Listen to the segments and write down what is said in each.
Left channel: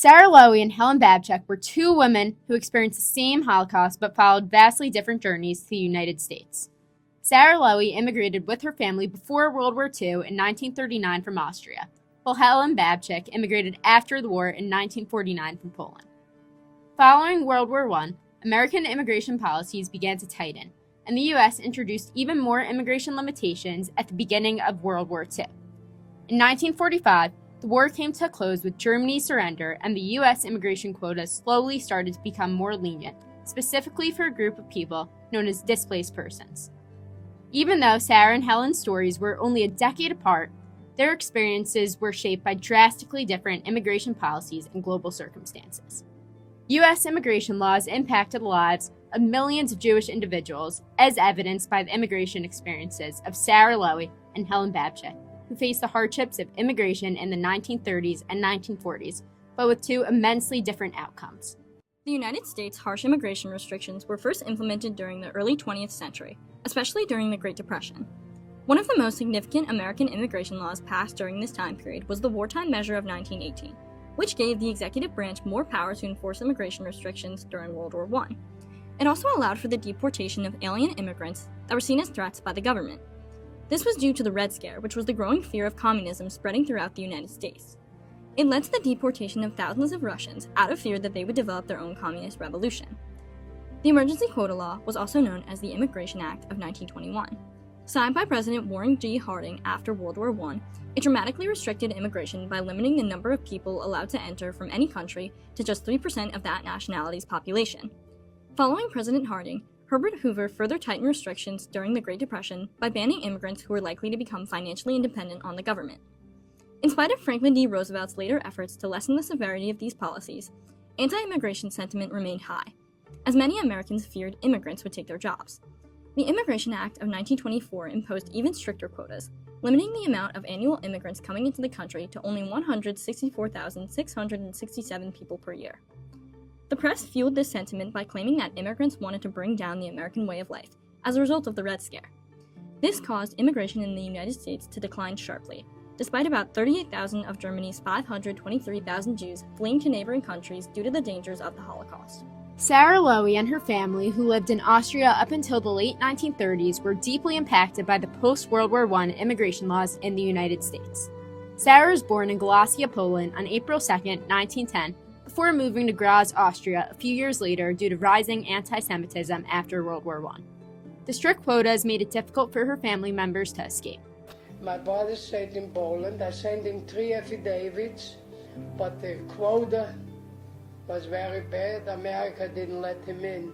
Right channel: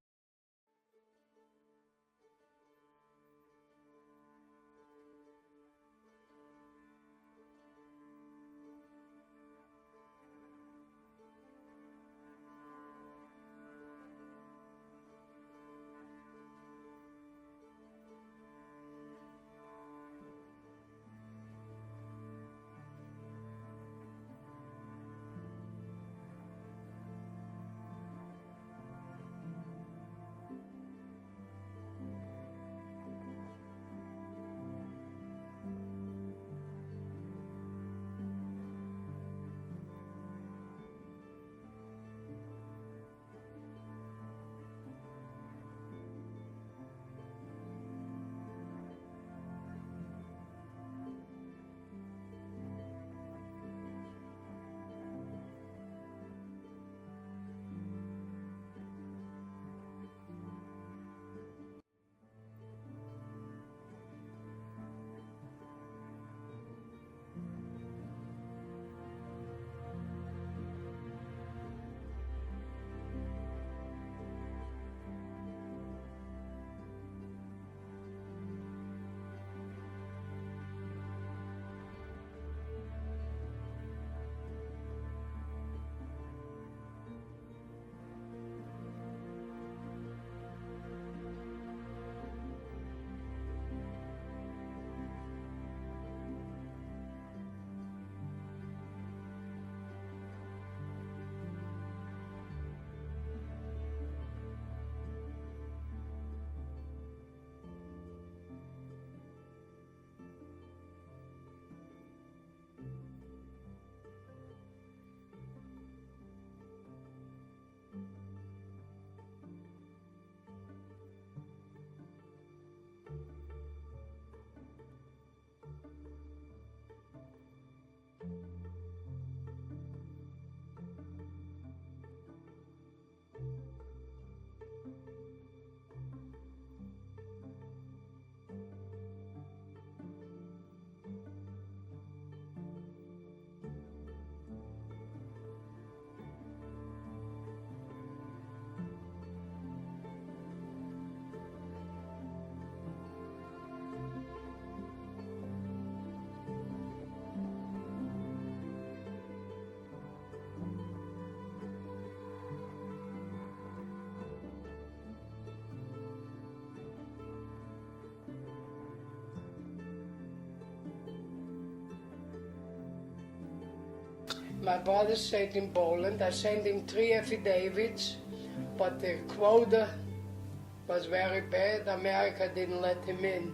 Sarah Loewy and Helen Babzyck were two women who experienced the same Holocaust but followed vastly different journeys to the United States. Sarah Loewy immigrated with her family before World War II in 1939 from Austria, while Helen Babzyck immigrated after the war in 1949 from Poland. Following World War I, American immigration policies began to tighten, and the U.S. introduced even more immigration limitations at the beginning of World War II. In 1945, the war came to a close with Germany's surrender, and the U.S. immigration quotas slowly started to become more lenient, specifically for a group of people known as displaced persons. Even though Sarah and Helen's stories were only a decade apart, their experiences were shaped by drastically different immigration policies and global circumstances. U.S. immigration laws impacted the lives of millions of Jewish individuals, as evidenced by the immigration experiences of Sarah Loewy and Helen Babzyck, who faced the hardships of immigration in the 1930s and 1940s, but with two immensely different outcomes. The United States' harsh immigration restrictions were first implemented during the early 20th century, especially during the Great Depression. One of the most significant American immigration laws passed during this time period was the Wartime Measure of 1918, which gave the executive branch more power to enforce immigration restrictions during World War I. It also allowed for the deportation of alien immigrants that were seen as threats by the government. This was due to the Red Scare, which was the growing fear of communism spreading throughout the United States. It led to the deportation of thousands of Russians out of fear that they would develop their own communist revolution. The Emergency Quota Law was also known as the Immigration Act of 1921. Signed by President Warren G. Harding after World War I, it dramatically restricted immigration by limiting the number of people allowed to enter from any country to just 3% of that nationality's population. Following President Harding, Herbert Hoover further tightened restrictions during the Great Depression by banning immigrants who were likely to become financially independent on the government. In spite of Franklin D. Roosevelt's later efforts to lessen the severity of these policies, anti-immigration sentiment remained high, as many Americans feared immigrants would take their jobs. The Immigration Act of 1924 imposed even stricter quotas, limiting the amount of annual immigrants coming into the country to only 164,667 people per year. The press fueled this sentiment by claiming that immigrants wanted to bring down the American way of life as a result of the Red Scare. This caused immigration in the United States to decline sharply, despite about 38,000 of Germany's 523,000 Jews fleeing to neighboring countries due to the dangers of the Holocaust. Sarah Loewy and her family, who lived in Austria up until the late 1930s, were deeply impacted by the post-World War I immigration laws in the United States. Sarah was born in Galicia, Poland on April 2, 1910, before moving to Graz, Austria a few years later due to rising anti-Semitism after World War I. The strict quotas made it difficult for her family members to escape. My brother stayed in Poland. I sent him 3 affidavits, but the quota was very bad. America didn't let him in.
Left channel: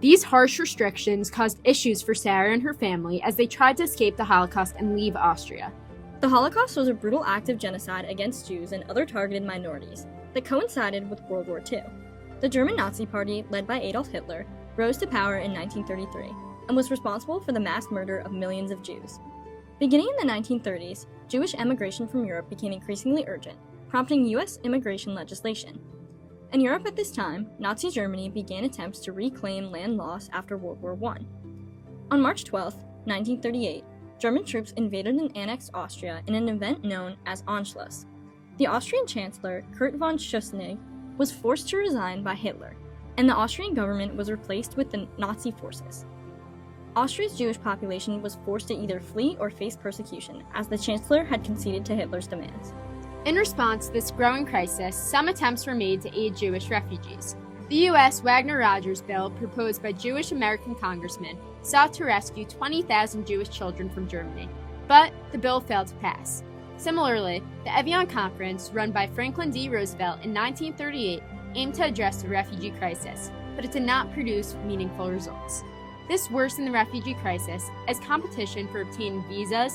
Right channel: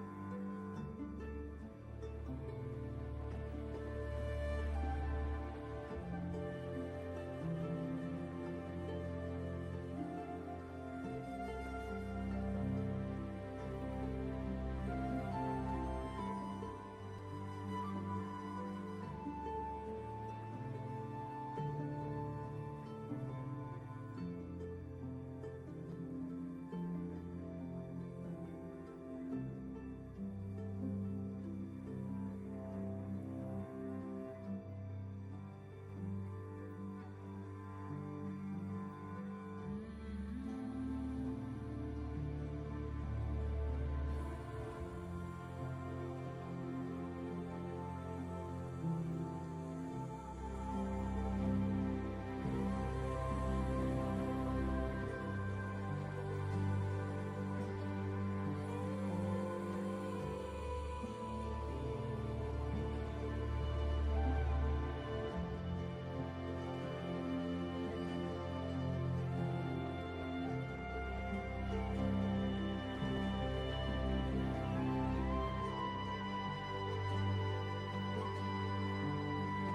These harsh restrictions caused issues for Sarah and her family as they tried to escape the Holocaust and leave Austria. The Holocaust was a brutal act of genocide against Jews and other targeted minorities that coincided with World War II. The German Nazi Party, led by Adolf Hitler, rose to power in 1933 and was responsible for the mass murder of millions of Jews. Beginning in the 1930s, Jewish emigration from Europe became increasingly urgent, prompting U.S. immigration legislation. In Europe at this time, Nazi Germany began attempts to reclaim land lost after World War I. On March 12, 1938, German troops invaded and annexed Austria in an event known as Anschluss. The Austrian Chancellor, Kurt von Schuschnigg, was forced to resign by Hitler, and the Austrian government was replaced with the Nazi forces. Austria's Jewish population was forced to either flee or face persecution, as the Chancellor had conceded to Hitler's demands. In response to this growing crisis, some attempts were made to aid Jewish refugees. The U.S. Wagner-Rogers Bill, proposed by Jewish American congressmen, sought to rescue 20,000 Jewish children from Germany, but the bill failed to pass. Similarly, the Evian Conference, run by Franklin D. Roosevelt in 1938, aimed to address the refugee crisis, but it did not produce meaningful results. This worsened the refugee crisis as competition for obtaining visas,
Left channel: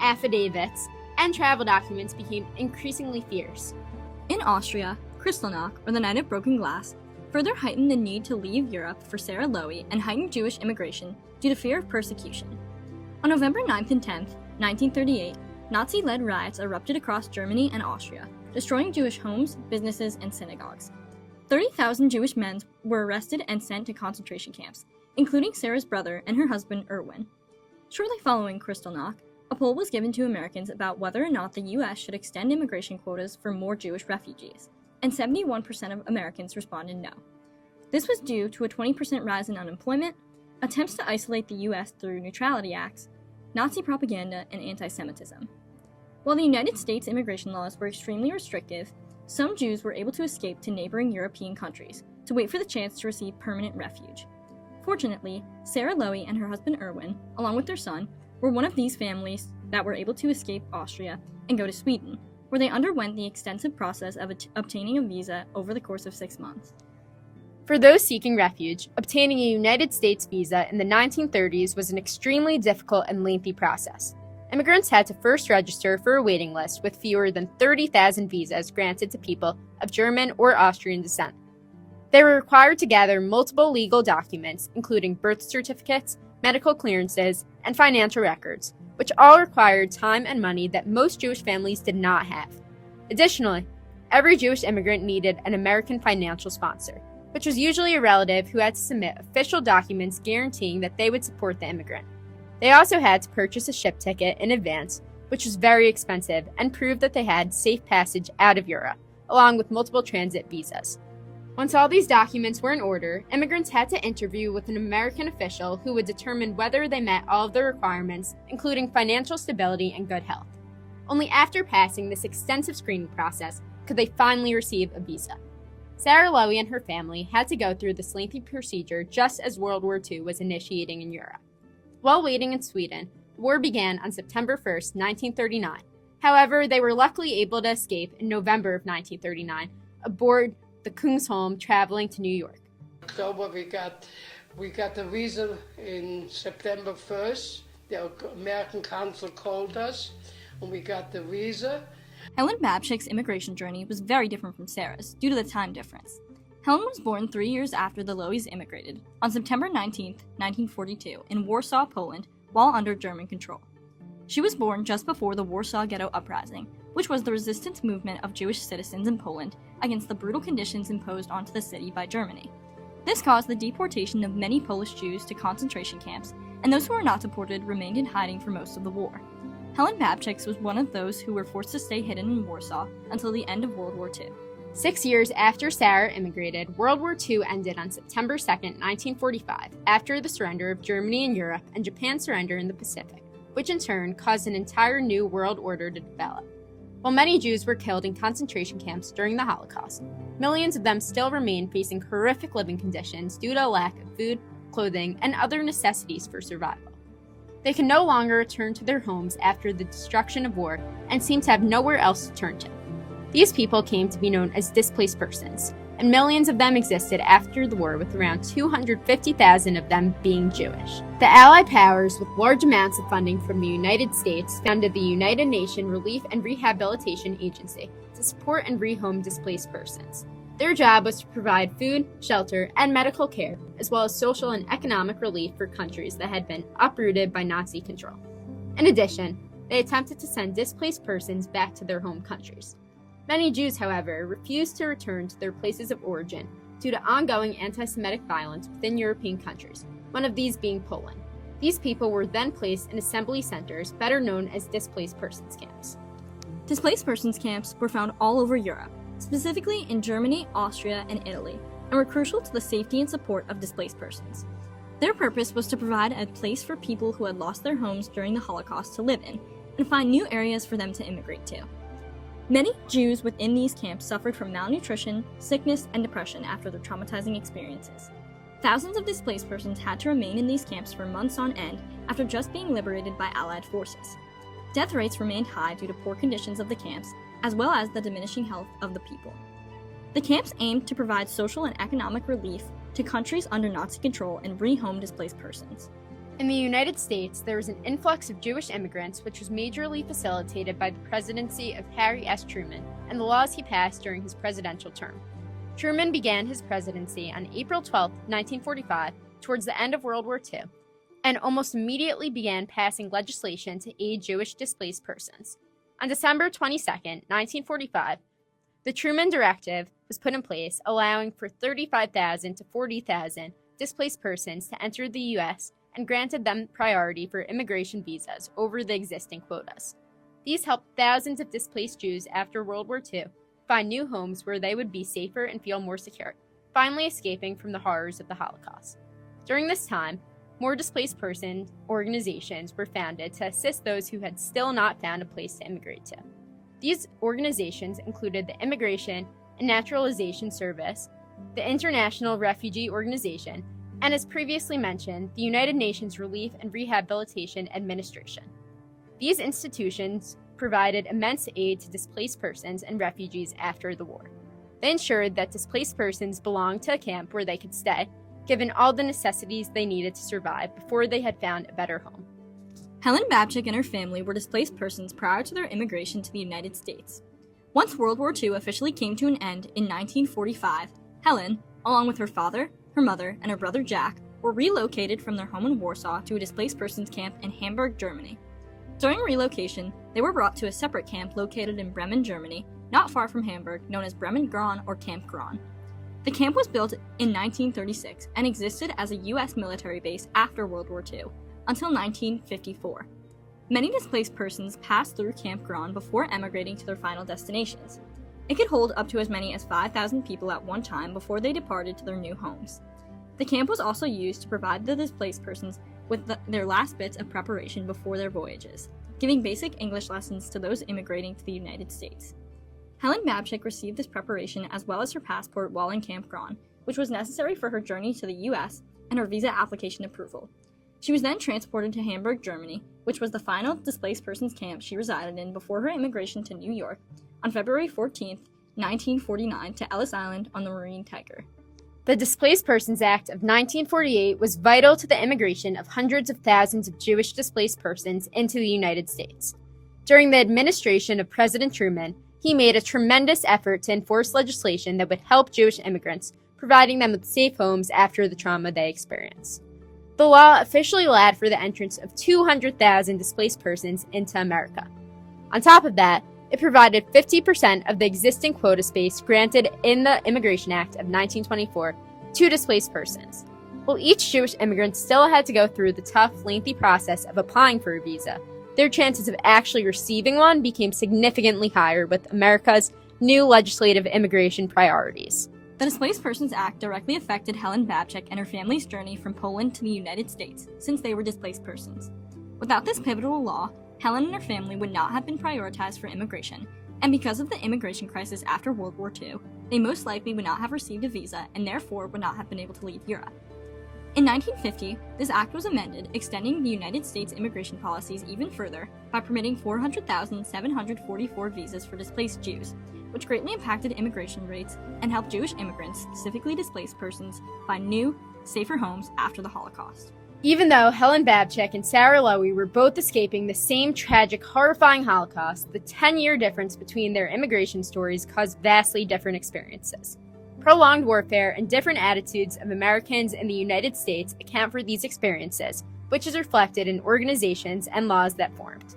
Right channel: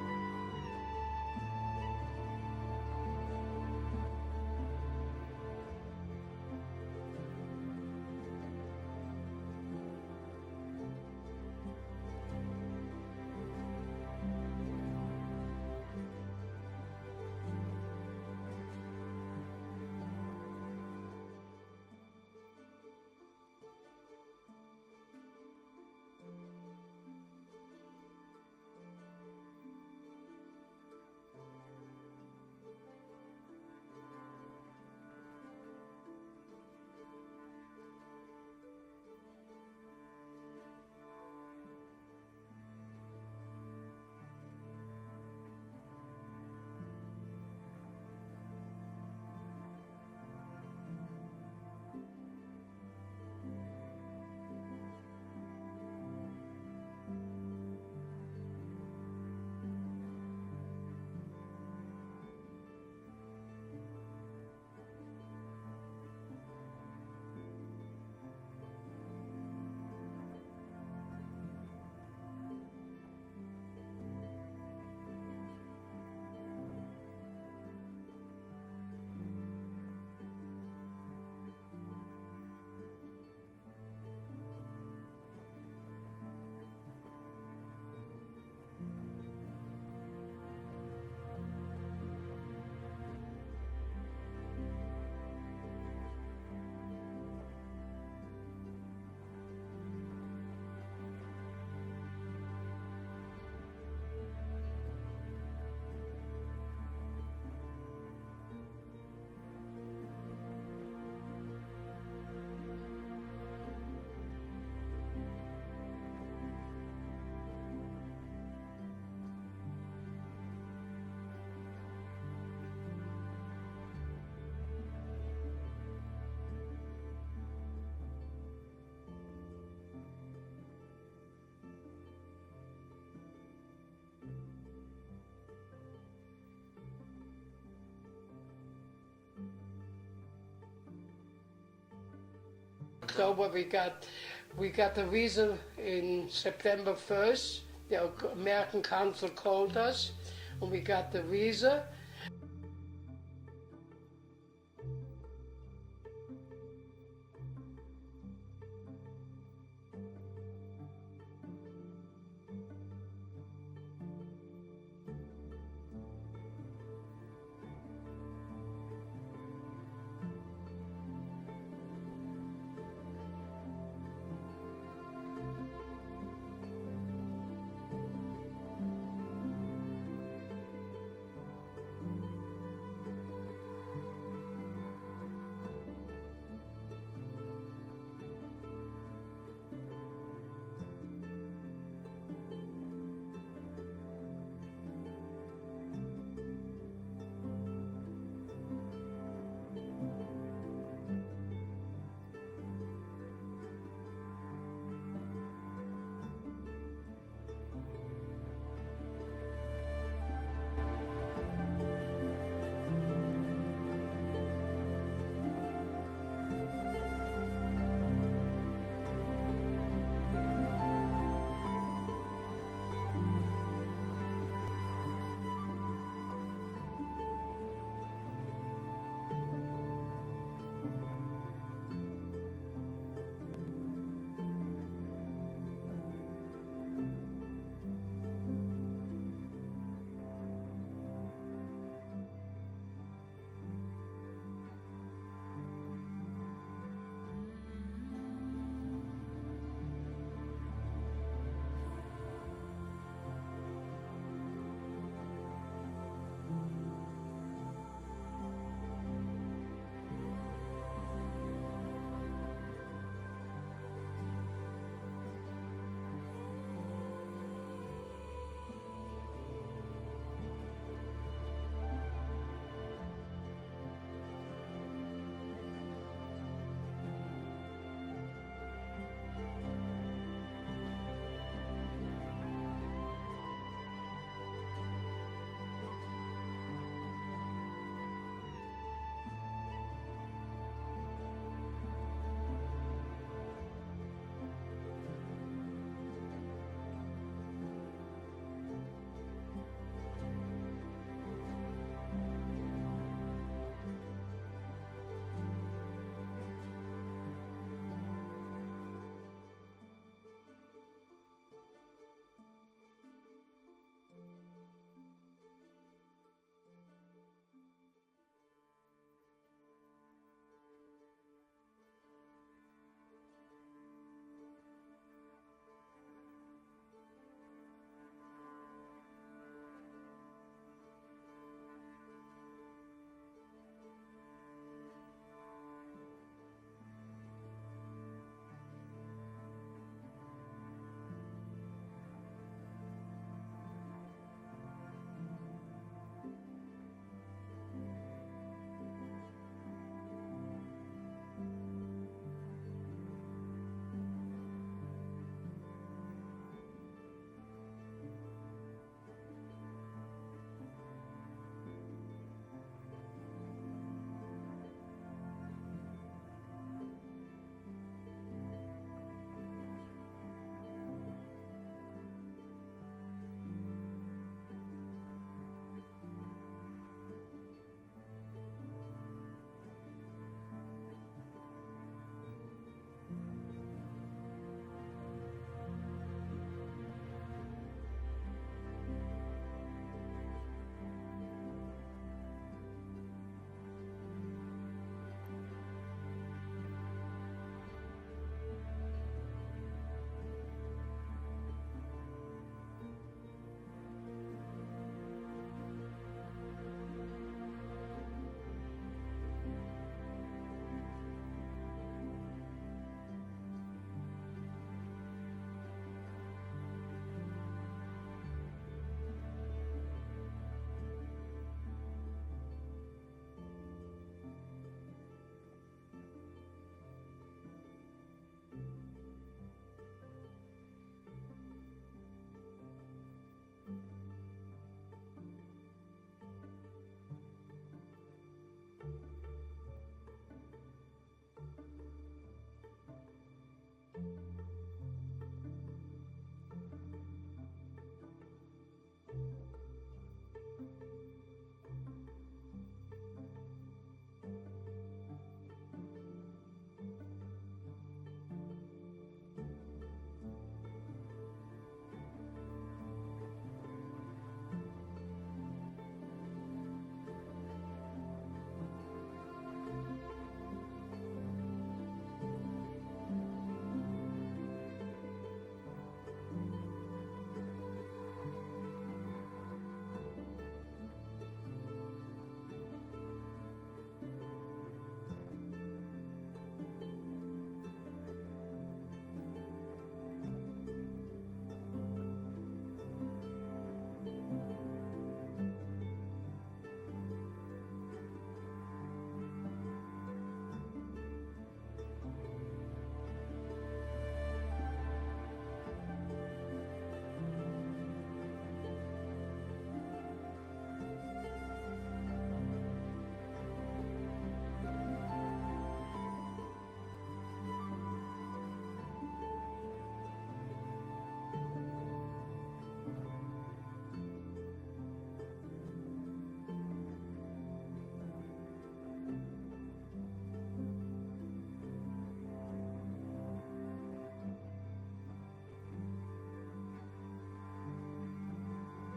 affidavits, and travel documents became increasingly fierce. In Austria, Kristallnacht, or the Night of Broken Glass, further heightened the need to leave Europe for Sarah Loewy and heightened Jewish immigration due to fear of persecution. On November 9th and 10th, 1938, Nazi-led riots erupted across Germany and Austria, destroying Jewish homes, businesses, and synagogues. 30,000 Jewish men were arrested and sent to concentration camps, including Sarah's brother and her husband Erwin. Shortly following Kristallnacht, a poll was given to Americans about whether or not the U.S. should extend immigration quotas for more Jewish refugees. and 71% of Americans responded no. This was due to a 20% rise in unemployment, attempts to isolate the U.S. through neutrality acts, Nazi propaganda, and anti-Semitism. While the United States immigration laws were extremely restrictive, some Jews were able to escape to neighboring European countries to wait for the chance to receive permanent refuge. Fortunately, Sarah Loewy and her husband Erwin, along with their son, were one of these families that were able to escape Austria and go to Sweden, where they underwent the extensive process of obtaining a visa over the course of 6 months. For those seeking refuge, obtaining a United States visa in the 1930s was an extremely difficult and lengthy process. Immigrants had to first register for a waiting list with fewer than 30,000 visas granted to people of German or Austrian descent. They were required to gather multiple legal documents, including birth certificates, medical clearances, and financial records, which all required time and money that most Jewish families did not have. Additionally, every Jewish immigrant needed an American financial sponsor, which was usually a relative who had to submit official documents guaranteeing that they would support the immigrant. They also had to purchase a ship ticket in advance, which was very expensive, and prove that they had safe passage out of Europe, along with multiple transit visas. Once all these documents were in order, immigrants had to interview with an American official who would determine whether they met all of the requirements, including financial stability and good health. Only after passing this extensive screening process could they finally receive a visa. Sarah Loewy and her family had to go through this lengthy procedure just as World War II was initiating in Europe. While waiting in Sweden, the war began on September 1, 1939. However, they were luckily able to escape in November of 1939 aboard the Kungsholm traveling to New York. October we got the visa in September 1st. The American consul called us and we got the visa. Helen Babzyck's immigration journey was very different from Sarah's due to the time difference. Helen was born 3 years after the Loewys immigrated, on September 19, 1942, in Warsaw, Poland, while under German control. She was born just before the Warsaw Ghetto Uprising, which was the resistance movement of Jewish citizens in Poland against the brutal conditions imposed onto the city by Germany. This caused the deportation of many Polish Jews to concentration camps, and those who were not deported remained in hiding for most of the war. Helen Babzyck was one of those who were forced to stay hidden in Warsaw until the end of World War II. 6 years after Sarah immigrated, World War II ended on September 2, 1945, after the surrender of Germany in Europe and Japan's surrender in the Pacific, which in turn caused an entire new world order to develop. While many Jews were killed in concentration camps during the Holocaust, millions of them still remain facing horrific living conditions due to a lack of food, clothing, and other necessities for survival. They can no longer return to their homes after the destruction of war and seem to have nowhere else to turn to. These people came to be known as displaced persons, and millions of them existed after the war, with around 250,000 of them being Jewish. The Allied powers, with large amounts of funding from the United States, founded the United Nations Relief and Rehabilitation Agency to support and rehome displaced persons. Their job was to provide food, shelter, and medical care, as well as social and economic relief for countries that had been uprooted by Nazi control. In addition, they attempted to send displaced persons back to their home countries. Many Jews, however, refused to return to their places of origin due to ongoing anti-Semitic violence within European countries, one of these being Poland. These people were then placed in assembly centers, better known as displaced persons camps. Displaced persons camps were found all over Europe, specifically in Germany, Austria, and Italy, and were crucial to the safety and support of displaced persons. Their purpose was to provide a place for people who had lost their homes during the Holocaust to live in, and find new areas for them to immigrate to. Many Jews within these camps suffered from malnutrition, sickness, and depression after their traumatizing experiences. Thousands of displaced persons had to remain in these camps for months on end after just being liberated by Allied forces. Death rates remained high due to poor conditions of the camps, as well as the diminishing health of the people. The camps aimed to provide social and economic relief to countries under Nazi control and rehome displaced persons. In the United States, there was an influx of Jewish immigrants, which was majorly facilitated by the presidency of Harry S. Truman and the laws he passed during his presidential term. Truman began his presidency on April 12, 1945, towards the end of World War II, and almost immediately began passing legislation to aid Jewish displaced persons. On December 22, 1945, the Truman Directive was put in place, allowing for 35,000 to 40,000 displaced persons to enter the U.S. and granted them priority for immigration visas over the existing quotas. These helped thousands of displaced Jews after World War II find new homes where they would be safer and feel more secure, finally escaping from the horrors of the Holocaust. During this time, more displaced person organizations were founded to assist those who had still not found a place to immigrate to. These organizations included the Immigration and Naturalization Service, the International Refugee Organization, and as previously mentioned, the United Nations Relief and Rehabilitation Administration. These institutions provided immense aid to displaced persons and refugees after the war. They ensured that displaced persons belonged to a camp where they could stay, given all the necessities they needed to survive before they had found a better home. Helen Babzyck and her family were displaced persons prior to their immigration to the United States. Once World War II officially came to an end in 1945, Helen, along with her father, her mother, and her brother Jack, were relocated from their home in Warsaw to a displaced persons camp in Hamburg, Germany. During relocation, they were brought to a separate camp located in Bremen, Germany, not far from Hamburg, known as Bremen-Gran or Camp Gran. The camp was built in 1936 and existed as a U.S. military base after World War II, until 1954. Many displaced persons passed through Camp Gran before emigrating to their final destinations. It could hold up to as many as 5,000 people at one time before they departed to their new homes. The camp was also used to provide the displaced persons with their last bits of preparation before their voyages, giving basic English lessons to those immigrating to the United States. Helen Babzyck received this preparation as well as her passport while in Camp Gran, which was necessary for her journey to the U.S. and her visa application approval. She was then transported to Hamburg, Germany, which was the final displaced persons camp she resided in before her immigration to New York on February 14, 1949 to Ellis Island on the Marine Tiger. The Displaced Persons Act of 1948 was vital to the immigration of hundreds of thousands of Jewish displaced persons into the United States. During the administration of President Truman, he made a tremendous effort to enforce legislation that would help Jewish immigrants, providing them with safe homes after the trauma they experienced. The law officially allowed for the entrance of 200,000 displaced persons into America. On top of that, it provided 50% of the existing quota space granted in the Immigration Act of 1924 to displaced persons. While each Jewish immigrant still had to go through the tough, lengthy process of applying for a visa, their chances of actually receiving one became significantly higher with America's new legislative immigration priorities. The Displaced Persons Act directly affected Helen Babzyck and her family's journey from Poland to the United States, since they were displaced persons. Without this pivotal law, Helen and her family would not have been prioritized for immigration, and because of the immigration crisis after World War II, they most likely would not have received a visa and therefore would not have been able to leave Europe. In 1950, this act was amended, extending the United States immigration policies even further by permitting 400,744 visas for displaced Jews, which greatly impacted immigration rates and helped Jewish immigrants, specifically displaced persons, find new, safer homes after the Holocaust. Even though Helen Babzyck and Sarah Loewy were both escaping the same tragic, horrifying Holocaust, the 10-year difference between their immigration stories caused vastly different experiences. Prolonged warfare and different attitudes of Americans in the United States account for these experiences, which is reflected in organizations and laws that formed.